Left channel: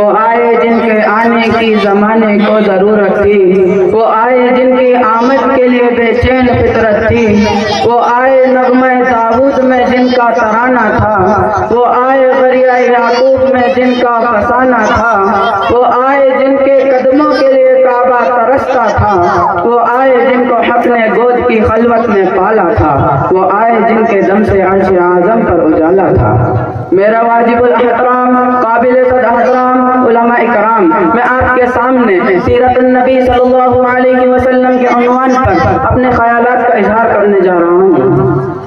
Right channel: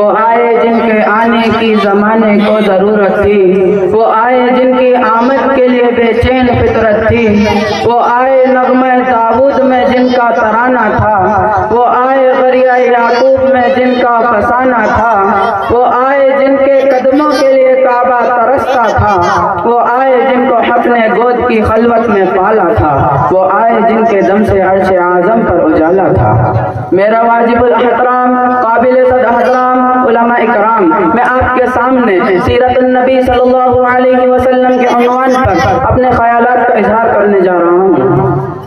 وہ آئے جن کے آنے کی زمانے کو ضرورت تھی، وہ آئے جن کی آمد کے لیے بے چین فطرت تھی، وہ آئے نغمہ داؤد میں جن کا ترانہ تھا، وہ آئے غریہ یعقوب میں جن کا فسانہ تھا، وہ آئے جن کے قدموں کے لیے کعبہ ترستا تھا، وہ آئے جن کو حق نے گود کی خلوت میں پالا تھا، وہ آئے جن کے دم سے عرش اعظم پر اجالا تھا۔ میرا واجب الاحترام قابل صد احترام علماء اکرام، میں آپ کے سامنے سیرت النبی صلی اللہ علیہ وسلم کے عنوان پر اپنے خیالات کا اظہار کرنے جا رہا ہوں۔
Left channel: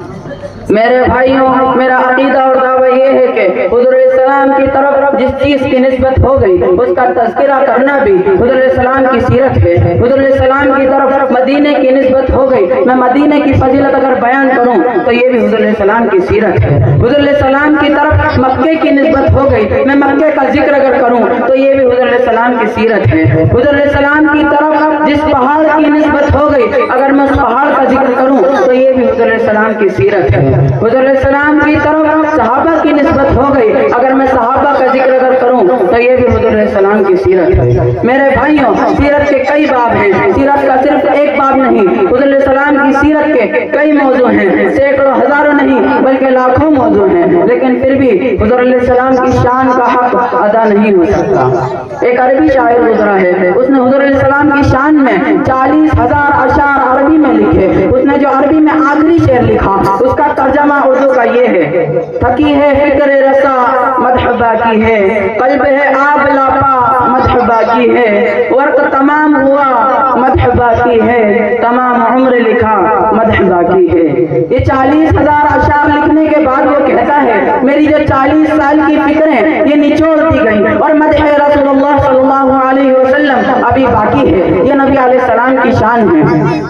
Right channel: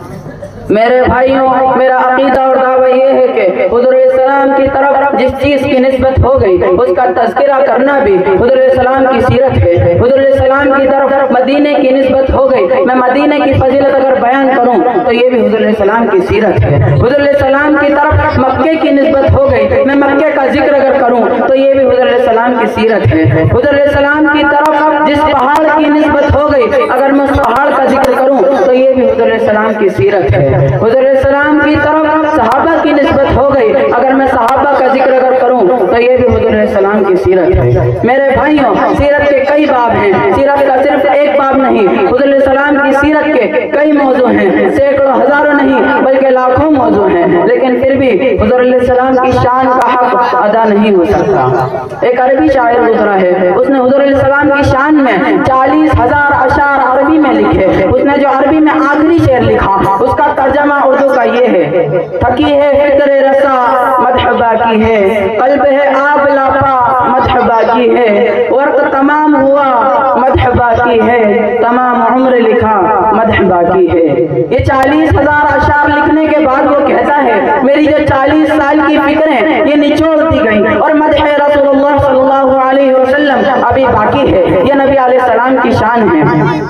میرے بھائیوں، میرا عقیدہ اور دعویٰ یہ ہے کہ حضور السلام کی طرف جس چیز کی نسبت ہو گئی اس کا تذکرہ کرنا بھی حضور السلام کی سیرت ہے۔ حضور السلام کی طرف مدینے کی نسبت ہو گئی، میں مدینے کی فضیلت اگر بیان کروں تو یہ بھی حضور السلام کی سیرت ہے۔ حضور السلام کی طرف مکے کی نسبت ہو گئی، میں مکے کا ذکر اگر کروں تو یہ بھی حضور السلام کی سیرت ہے۔ حضور السلام کی طرف جس پہاڑ کی نسبت ہو گئی اگر میں اس پہاڑ کا ذکر کروں تو یہ بھی حضور السلام کی سیرت ہے۔ حضور السلام کی طرف صحابہ کی نسبت ہو گئی، اگر میں صحابہ کا ذکر اگر کروں تو یہ بھی حضور السلام کی سیرت ہے۔ میرے بھائیوں، سیرت کے کئی باب ہیں، سیرت کا صرف ایک باب نہیں، حضور السلام کی سیرت کے کئی موضوع ہیں، سینکڑوں ہزاروں نہیں بلکہ لاکھوں موضوع ہیں، لیکن پھر بھی حضور السلام کی شان کا حق ادا نہیں ہو سکتا۔ ایک عربی شاعر گزرا ہے، اس نے حضور السلام کی شان میں 40,000 اشعار عربی میں لکھے۔ اس نے جو عربی میں آخری شعر لکھا اس کا ترجمہ اردو کا یہ ہے: تھکی ہے فکر رسا مدح باقی ہے، قلب ہے آب لاپا مدح باقی ہے، ورق تمام ہوا مدح باقی ہے، تمام عمر لکھا مدح باقی ہے۔ یہ 40,000 اشعار لکھنے کے بعد وہ کہتا ہے میری جو 40 سال کی فکریں یہ نچوڑ دی گئی اور مدح رسول اللہ صلی اللہ علیہ وسلم ابھی باقی ہے۔ یہ نبی علیہ السلام کی شان ہے۔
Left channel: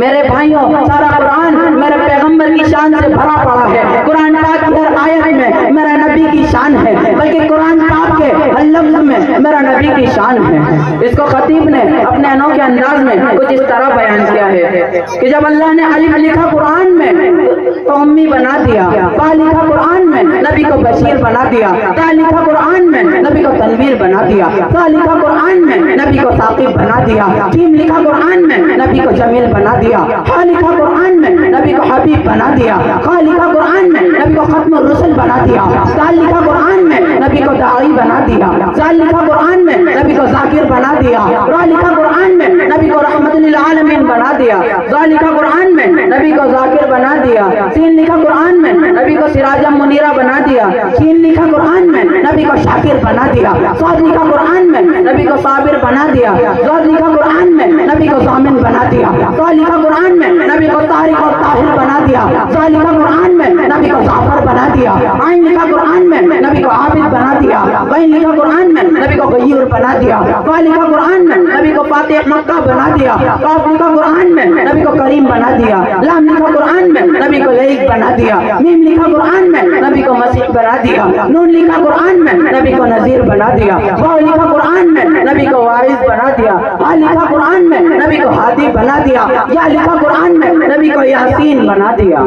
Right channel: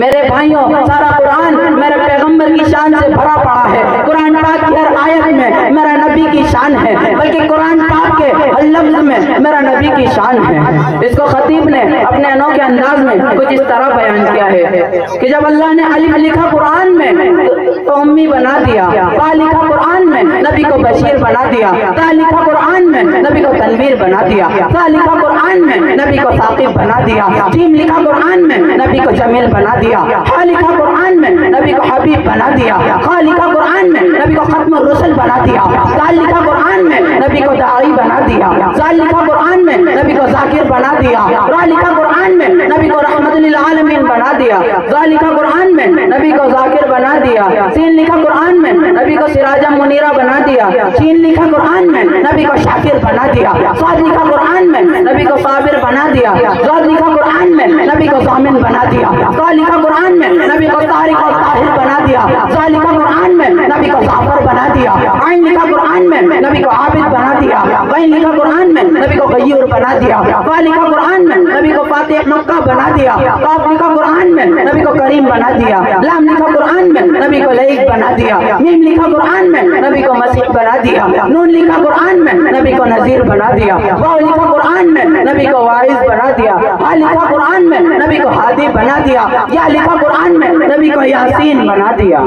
میرے بھائیوں، سارا قرآن میرے پیغمبر کی شان سے بھرا پڑا ہے۔ قرآن پاک کی ہر آیت میں میرا نبی کی شان ہے، بلکہ قرآن پاک کے ہر لفظ میں میرا نبی کی شان ہے۔ اس کو خطیب نے اپنے انوکھے انداز میں کچھ اس طرح بیان کیا ہے کہ جب اللہ نے الف لکھا قرآن میں تو امی بنا دیا، با لکھا قرآن میں نبی کو بشیر بنا دیا، تا لکھا قرآن میں نبی کو تنویر بنا دیا، تا لکھا قرآن میں نبی کو ثاقب بنا دیا، جیم لکھا قرآن میں نبی کو جمیل بنا دیا، ہا لکھا قرآن میں نبی کو حبیب بنا دیا، خا لکھا قرآن میں نبی کو ختم الرسل بنا دیا، دال لکھا قرآن میں نبی کو داعی بنا دیا، زال لکھا قرآن میں نبی کو ذاکر بنا دیا، را لکھا قرآن میں نبی کو رحمت للعالمین بنا دیا، زا لکھا قرآن میں نبی کو ذاکر بنا دیا، سین لکھا قرآن میں نبی کو سراجا منیرہ بنا دیا، شین لکھا قرآن میں نبی کو شاکر بنا دیا، صاد لکھا قرآن میں نبی کو صابر بنا دیا، زاد لکھا قرآن میں نبی کو ضامن بنا دیا، طا لکھا قرآن میں نبی کو طارق اور طاہر بنا دیا، زا لکھا قرآن میں نبی کو ظافر بنا دیا، عین لکھا قرآن میں نبی کو عابد بنا دیا، غین لکھا قرآن میں نبی کو غیور بنا دیا، فا لکھا قرآن میں نبی کو فاتح مکہ بنا دیا، قاف لکھا قرآن میں نبی کو کریم بنا دیا، لام لکھا قرآن میں نبی کو لئیک بنا دیا، میم لکھا قرآن میں نبی کو مسیح بنا دیا، نون لکھا قرآن میں نبی کو نذیر بنا دیا، واو لکھا قرآن میں نبی کو واعظ بنا دیا، ہا لکھا قرآن میں نبی کو ہادی بنا دیا، یا لکھا قرآن میں نبی کو یاسین بنا دیا۔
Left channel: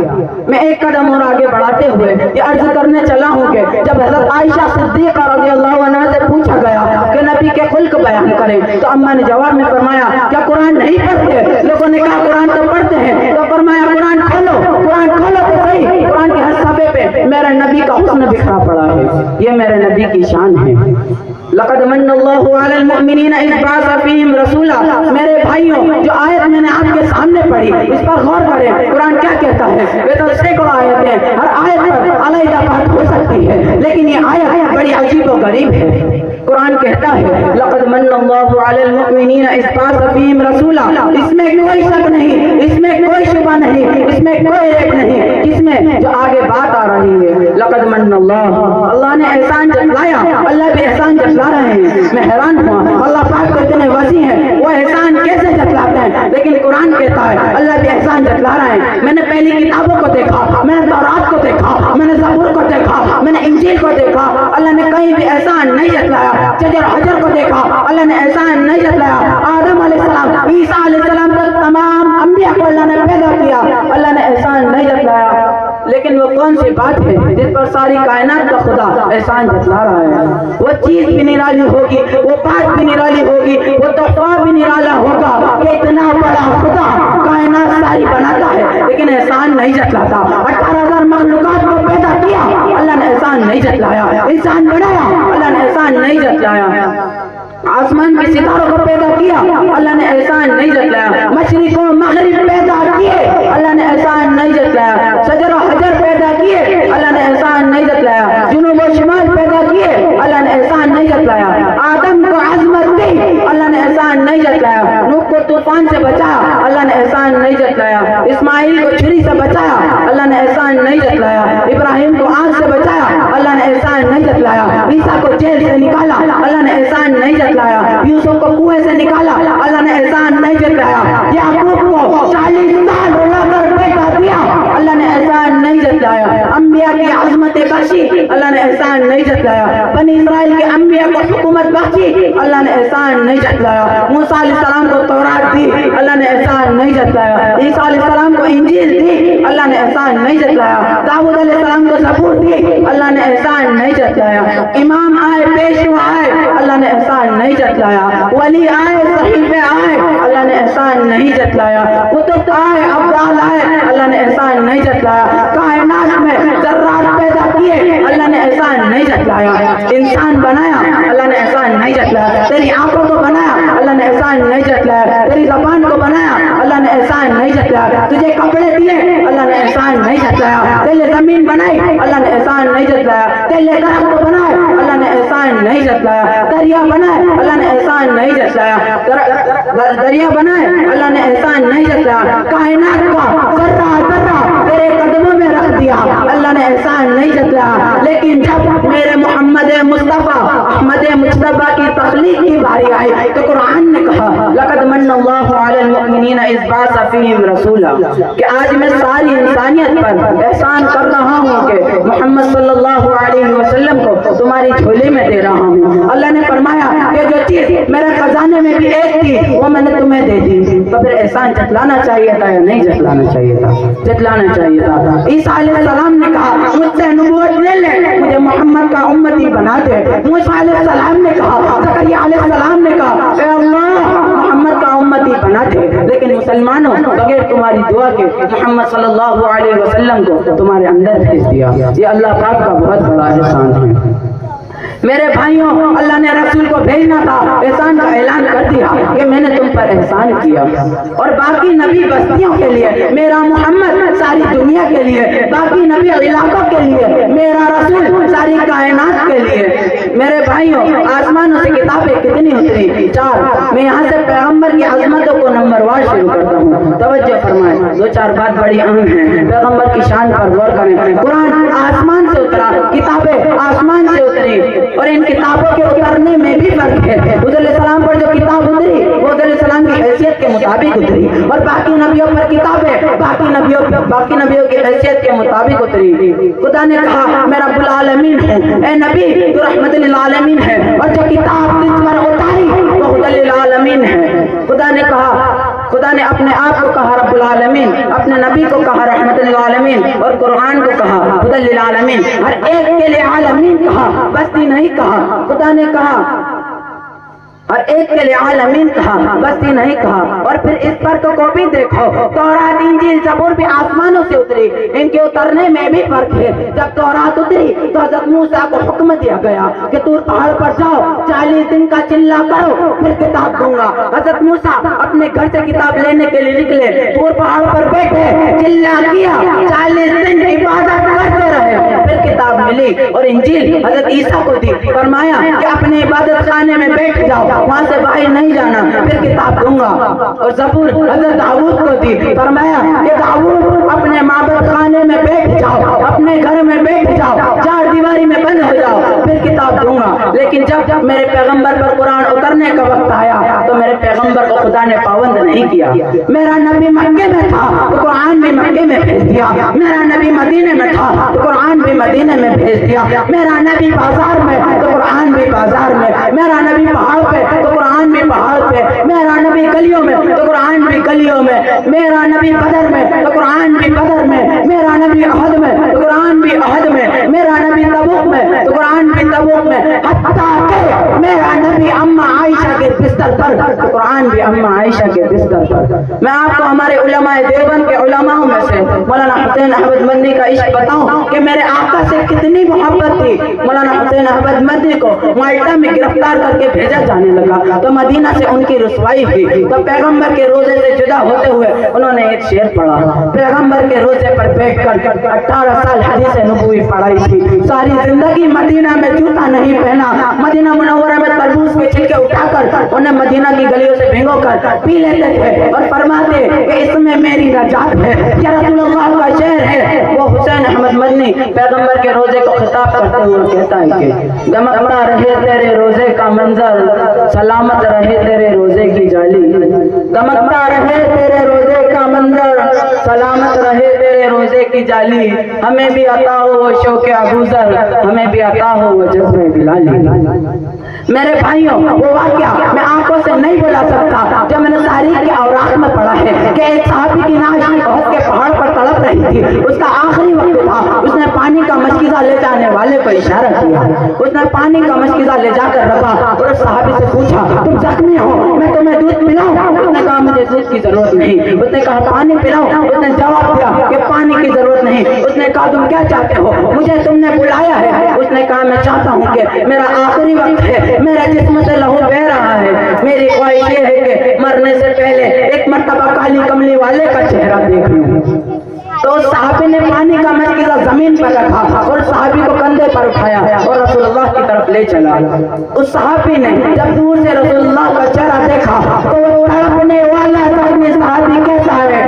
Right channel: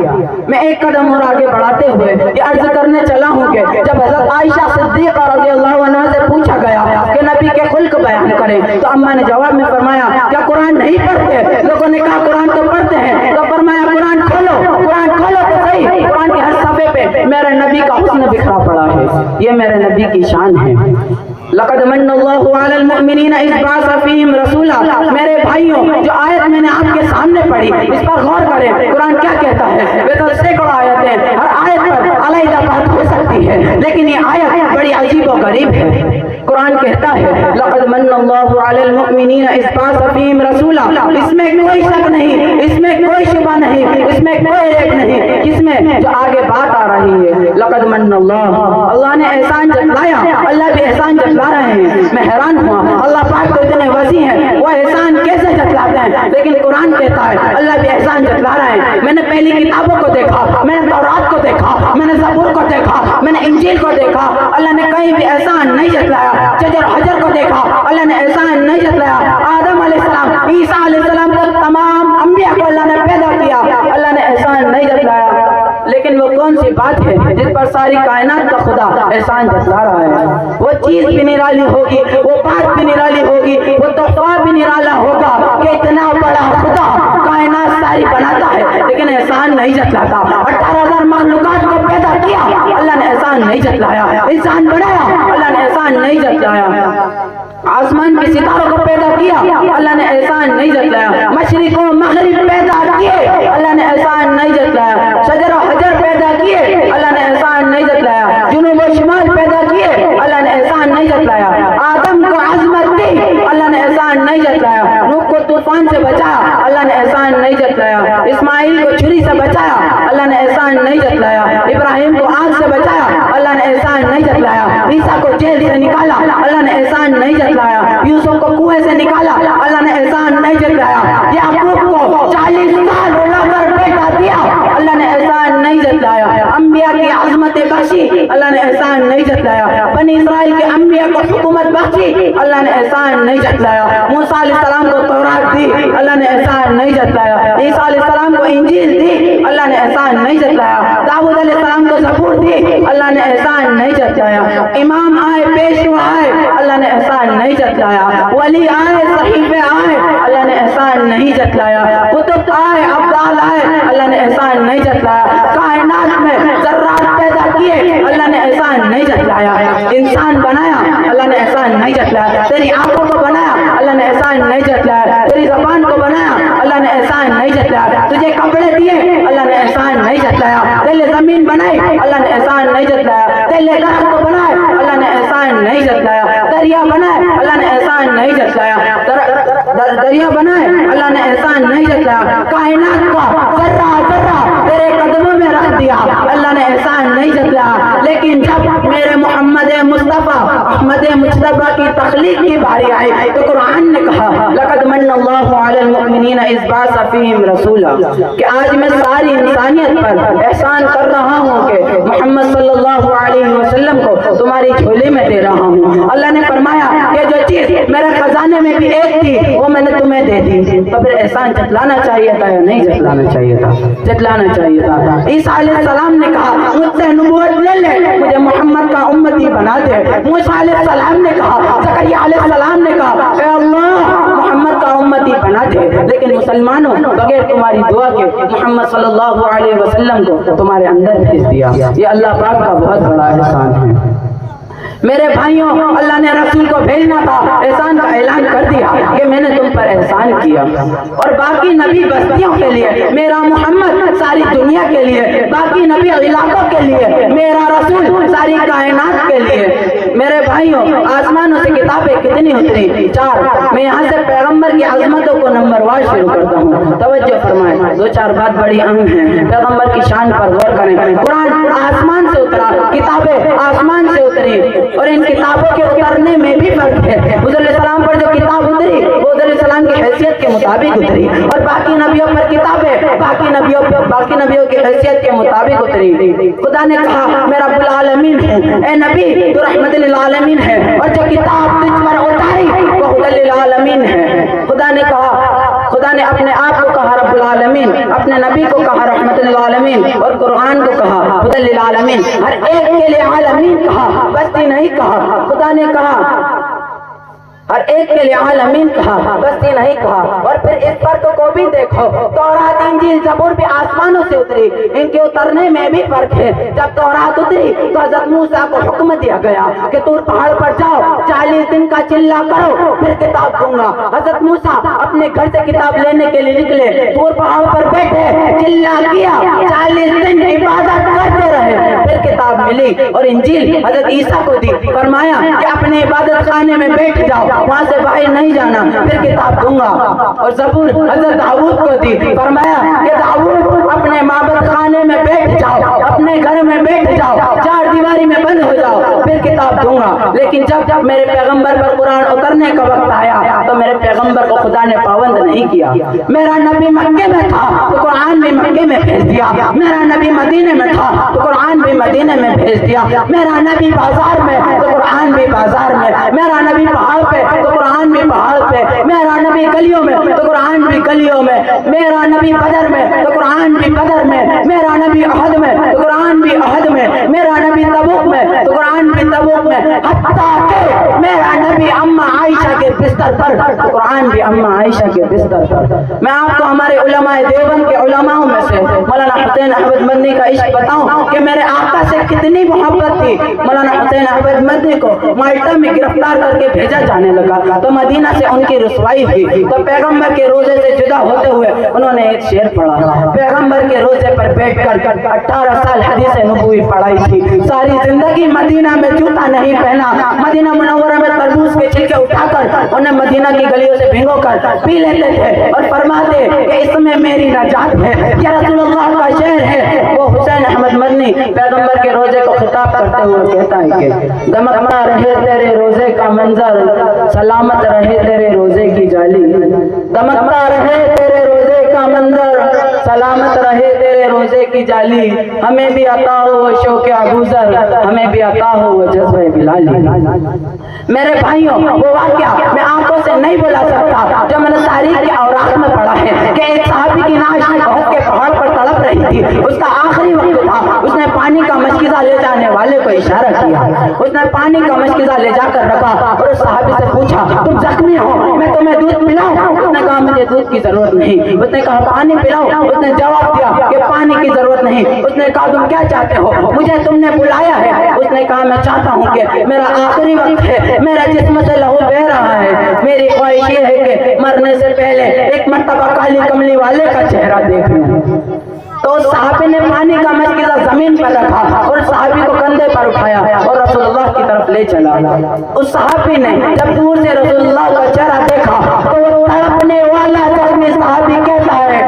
میں ایک قدم اور آگے بڑھاتے ہوئے یہ عرض کرنے چلا ہوں کہ جب حضرت عائشہ صدیقہ رضی اللہ عنہا سے پوچھا گیا کہ نبی کے خلق بیان کریں تو اما نے جواب میں فرمایا کیا قرآن نہیں پڑھتے؟ لوگوں نے کہا قرآن تو پڑھتے ہیں، تو فرمایا قرآن کھولو تو صحیح، قرآن کے ہر صفحے پہ میرے نبی کا حسن بکھرا پڑا ہے، یہ میرے نبی کی شان ہے۔ لقد من اللہ علی المؤمنین اذ بعث فیہم رسولا، میرے بھائیوں جو آیت میں نے آپ کے سامنے پڑھی اس پر غور کریں، قرآن کیا کہتا ہے؟ وہ تو سینکڑوں آیتیں، ہر آیت پر علیحدہ بات ہو سکتی ہے، لیکن یہ آیت بڑی عجیب و غریب ہے۔ قرآن کہتا ہے لقد من اللہ علی المؤمنین اذ بعث فیہم رسولا، اس میں کوئی شک نہیں، اس میں کوئی شبہ نہیں، اس میں کوئی ریب نہیں، جس میں جو آگے بات آ رہی ہے لقد من اللہ نے احسان جتلایا، اللہ بھی احسان جتلا رہے ہیں۔ میں حیران ہوا، اللہ پاک اتنے وسیع ہیں، وہ احسان کیسے جتلاتے ہیں؟ لیکن قرآن کہتا ہے اللہ بھی احسان جتلا رہے ہیں۔ میں نے پہلی کتابوں کو دیکھا، میں نے تورات کو دیکھا، میں نے زبور کو دیکھا، میں نے انجیل کو دیکھا، اللہ نے کہیں بھی احسان نہیں جتلایا۔ شجر حجر کو دیکھا، اللہ نے احسان نہیں جتلایا۔ آدم علیہ السلام، عیسیٰ علیہ السلام تک تمام انبیاء کو اللہ نے پیدا کیا، اللہ نے احسان نہیں جتلایا۔ لیکن وہ کون سی بات ہے ہے جس پر ساری کائنات کا خدا احسان جتلا رہا ہے. وہ چیز بھی نرالی ہوگی, وہ بات بھی نرالی ہوگی, وہ تحفہ بھی نرالا ہوگا کہ اتنا بڑا خدا کائنات ساری بناتا ہے لیکن احسان نہیں جتلاتا. 18,000 مخلوقات کو پیدا کیا, اللہ نے احسان نہیں جتلایا. انسان بنایا, اللہ نے احسان نہیں جتلایا. آسمان کے ستاروں کو پیدا کیا, اللہ نے احسان نہیں جتلایا. مشرق و مغرب پیدا کیے, اللہ نے احسان نہیں جتلایا. شجر و حجر پیدا کیے, اللہ نے احسان نہیں جتلایا. جنوب و شمال پیدا کیے, اللہ نے احسان نہیں جتلایا. آدم کو عظمت دی, اللہ نے احسان نہیں جتلایا. نوح کو طوفان سے بچایا, اللہ نے احسان نہیں جتلایا. اسماعیل کو چھری سے بچایا, اللہ نے احسان نہیں جتلایا. ابراہیم کو آگ سے بچایا, اللہ نے احسان نہیں جتلایا. عیسیٰ کو جیل سے نکالا, اللہ نے احسان نہیں جتلایا. یوسف کو کنویں سے نکالا, اللہ نے احسان نہیں جتلایا. یعقوب کو 40 سال رلا کر بیٹا دیا, اللہ نے احسان نہیں جتلایا. انبیاء کی عظمت بخشی, اللہ نے احسان نہیں جتلایا. بنی اسرائیل کے انبیاء کو حکومت بخشی, اللہ نے احسان نہیں جتلایا. موسیٰ علیہ السلام کو تورات دی, اللہ نے احسان نہیں جتلایا. عیسیٰ علیہ السلام کو انجیل دی, اللہ نے احسان نہیں جتلایا. داؤد علیہ السلام کو زبور دی, اللہ نے احسان نہیں جتلایا. امام آئے, پیشوا آئے, اللہ نے احسان نہیں جتلایا. ولی آئے, صحیفے آئے, اللہ نے احسان نہیں جتلایا. قطب آئے, ابدال آئے, اللہ نے احسان نہیں جتلایا. کائنات میں ذرات پیدا کیے, اللہ نے احسان نہیں جتلایا. انسان بنایا, اللہ نے احسان نہیں جتلایا. تیری آنکھوں کو بنایا, اللہ نے احسان نہیں جتلایا. تیری زبان کو بنایا, اللہ نے احسان نہیں جتلایا. تجھے کپڑے دیے, اللہ نے احسان نہیں جتلایا. تیرے زمین بنائی, اللہ نے احسان نہیں جتلایا. تیرے درخت کو بنائے, اللہ نے احسان نہیں جتلایا. دریا بنائے, اللہ نے احسان نہیں جتلایا. دریا بنائے, اللہ نے احسان نہیں جتلایا. کائنات کا ذرہ ذرہ تیرے قدموں میں رکھ دیا, اللہ نے احسان نہیں جتلایا. لیکن جب میرے محمد مصطفیٰ احمد مجتبیٰ کی تخلیق کی باری آئی تو قرآن نے کہا لقد من اللہ علی المؤمنین اذ بعث فیہم رسولا, کہ آج میں ساری انسانیت پر احسان کر رہا ہوں کہ محمد صلی اللہ علیہ وسلم کو تمہاری جھولے میں دے رہا ہوں. اللہ نے فرمایا کہ جو چیز میرے خزانے میں بھی ایک تھی وہ میں نے تمہیں دے دی. تو پھر احسان جتلانا چاہیے تھا یا نہیں جتلانا چاہیے تھا؟ جتلانا چاہیے تھا. عیسیٰ علیہ السلام نے کہا مجھ سے نبوت لے لے, مجھے محمد کا امتی بنا دے. موسیٰ علیہ السلام نے کہا, زکریا علیہ السلام نے کہا اے اللہ محمد کا امتی بنا دے. لیکن مسلمانوں بغیر تمہاری دعا کے محمد صلی اللہ علیہ وسلم کو تمہارے اندر بھیج دیا. یہ اللہ پاک کا بہت بڑا احسان ہے. میرے بھائیوں, اللہ نے رسول کو بھیجنا تھا, احسان کا اعلان کر دیا کہ میں نے تم پر احسان کیا. اور باقی نبی بستیوں کے لیے, میرا محمد ساری دنیا کے لیے, باقی نبی علاقوں کے لیے, میرا رسول ساری کائنات کے لیے. میرے بھائیوں, آسمانوں سے کتابیں کتنی اتری؟ 4. میں یہاں سے پیغمبر کی عظمتوں کو نمبر وار شروع کرتا ہوں. توجہ فرمائیں, 2-4 بات بڑی اہم ہیں, پیغمبر کی شان پر غور کریں. قرآن آسمان سے اترا, کتابیں آسمان سے اتری, اور ان کتابوں کے اترنے میں بھی فرق ہے. حضور علیہ السلام پر جو کتاب اتری وہ حضور علیہ السلام کی حیثیت کے مطابق اتری, اور باقی نبیوں پر کتابیں باقی نبیوں کی حیثیت کے مطابق اتری. خدا نے کہا میں رب العالمین ہوں, اے نبی تو رحمت للعالمین ہے, اور جو کتاب تجھ پر اتاری وہ ہدی للعالمین ہے. خدا نے اپنے آپ کو کہا رب العالمین, اپنے نبی کو کہا رحمت للعالمین, اور قرآن کو کہا ہدی للعالمین. ہر ایک کے لیے عالمین کہا, بستی نہیں کہا. خدا نے کہا ہر ایک کے لیے عالمین کہا, بستی نہیں کہا. اور پھر اس فرق کو بھی دیکھو, تورات انجیل زبور بھی آسمانوں سے اتری, ان کے اترنے میں بھی فرق ہے. جب تورات اتری تو حضرت موسیٰ کو حکم دیا گیا کہ طور پہاڑ پر جاؤ, 40 دن کا چلہ کرو, پھر کتاب دوں گا. حضرت موسیٰ اپنے گھر سے کتاب لینے کے لیے نکلے, طور پہاڑ پر بیٹھے, چلہ کیا, 40 دن عبادت کرتے رہے, پھر کتاب ملی. اور انجیل حضرت عیسیٰ کو دی, فرمایا کہ اپنے عبادت خانے میں بیٹھ جاؤ, وہاں سے باہر نہیں جانا, پھر کتاب دوں گا. اور زبور حضرت داؤد کو دی, فرمایا کہ داؤد اپنے معبد خانے میں بیٹھ جاؤ, اپنے گھر میں بیٹھ جاؤ, 4 دیواری میں بند ہو جاؤ, پھر کتاب دوں گا. لیکن جب میرے پیغمبر پر قرآن اترنے کا وقت آیا تو میرے پیغمبر کو خدا نے پابند نہیں کیا. میرا نبی مکے میں تھا تو قرآن بھی مکے میں بھیج دیا, میرا نبی مدینے میں تھا تو قرآن بھی مدینے میں بھیج دیا, میرا نبی بازار میں تو قرآن بھی بازار میں, میرا نبی پہاڑ پہ تو قرآن بھی پہاڑ پہ, میرا نبی گلیوں میں تو قرآن بھی گلیوں میں, میرا نبی بدر میں تو قرآن بھی بدر میں, میرا نبی احد میں تو قرآن بھی احد میں, میرا نبی اما عائشہ کے بستر پر، قرآن بھی اما عائشہ کے بستر پر۔ میں آپ کو ہمارے علماء دیوبند کے علماء میں سے مولانا حسین احمد مدنی کا عشق بتاؤں کہ میرے آقا سے کتنی محبت تھی۔ مولانا حسین احمد مدنی کو مالٹا میں گرفتار کر کے بھیجا جانے لگا تو مدینہ سے ان کی رسوائی ہوئی تو پیغمبر کے روزے سے جدا ہوتے ہوئے انہوں نے ایک شعر پڑھا۔ پیغمبر کے روزے پر بیٹھ کر 18 سال حدیث نبوی پڑھائی تھی، ساری زندگی مدینہ میں جوتا نہیں پہنا، مدینہ منورہ میں تربوز کے چھلکے اٹھا کر انہیں مدینہ کی گلیوں سے بھگو کر پی لیتے تھے اور فرماتے کہ اس میں میری نجات ہے، یا رسول اللہ کا شعر ہے۔ وہ حسین احمد مدنی پیغمبر کے روزے کو خطاب کرتے ہوئے کہتا ہے کہ دمکتا رہے تیرے روزے کا منظر، سلامت رہے تیرے روزے کی جالی، دمکتا رہے تیرے روزے کا منظر، سلامت رہے تیرے روزے کی جالی، ہمیں بھی عطا ہو وہ شوق ابوذر، ہمیں بھی عطا ہو وہ جذبہ بلالی۔ میرے بھائیوں، وہ واقعہ میں آنکھوں سے نہیں بلا سکتا جو میں نے تاریخ کے اوراق میں پڑھا ہے کہ ایک صحابی کی ناش بہت کے پہاڑ پر تڑپ رہی تھی، اس کا آخری وقت تھا، اس نے پانی کا مشکیزہ لے جانے والے کو اشارہ کیا، اس نے پانی کا مشکیزہ لے جا کر رکھا اور اس صحابی سے پوچھا تم زخمی ہو، میں تمہیں دودھ پلاؤں؟ اس نے کہا مجھے دودھ کی ضرورت نہیں۔ اس نے کہا پانی پلاؤں؟ اس نے جواب دیا کہ پانی کی ضرورت نہیں۔ اس نے کہا تم کیا چاہتے ہو؟ مجھے تم نے بلایا ہے۔ اس نے کہا میں چاہتا ہوں کہ میرا آخری وقت ہے، میرے جسم سے لہو بہ رہا ہے، میری خواہش یہ ہے کہ مرنے سے پہلے ایک مرتبہ کالی کملی والے کا چہرہ دیکھ لوں۔ تو اس صحابی نے پانی کا مشکیزہ زمین پر رکھا اور صحابی کو کندھے پر اٹھایا اور رسول اللہ کی طرف لے چلا۔ اس صحابی نے جب دور سے رسول اللہ کا چہرہ دیکھا تو تڑپنے والا زخمی صحابی کہتا ہے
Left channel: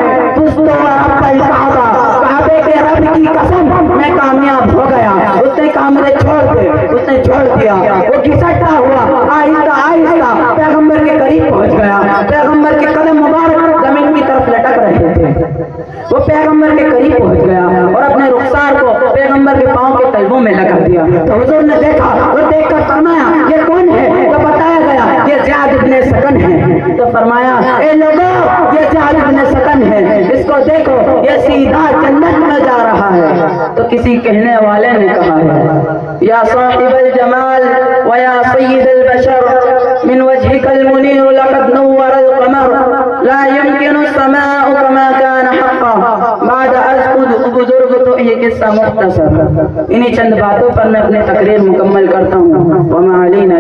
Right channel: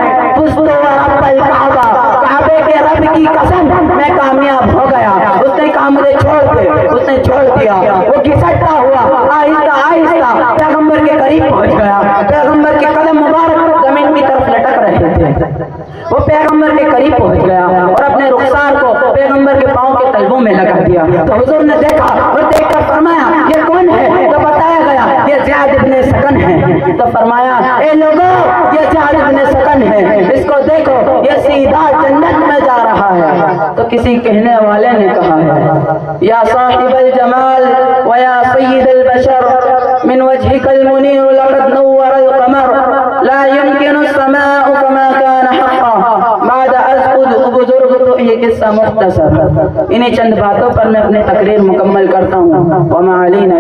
کعبے کے رب کی قسم میں کامیاب ہو گیا۔ اس نے کہا مجھے چھوڑ دے، اس نے چھوڑ دیا۔ وہ گھسٹتا ہوا آہستہ آہستہ پیغمبر کے قریب پہنچ گیا۔ پیغمبر کے قدم مبارک زمین کی طرف لٹک رہے تھے۔ وہ پیغمبر کے قریب پہنچ گیا اور اپنے رخسار کو پیغمبر کے پاؤں کے تلووں میں لگا دیا۔ تو حضور نے دیکھا اور دیکھ کر فرمایا یہ کون ہے؟ تو بتایا گیا یہ زیاد ابن سکن ہے۔ تو فرمایا اے لوگو یہ زیاد ابن سکن ہے، اس کو دیکھو یہ سیدھا جنت میں جا رہا ہے۔ تو کسی کہنے والے نے کہا ہے یا صاحب الجمال ویا سید البشر من وجهك المنير لقد نور القمر لا يمكن السماء كما كان حقا بعد از بزرگ تو یہ قصہ مختصر۔ انہی چند باتوں پر میں اپنی تقریر مکمل کرتا ہوں۔ وما علینا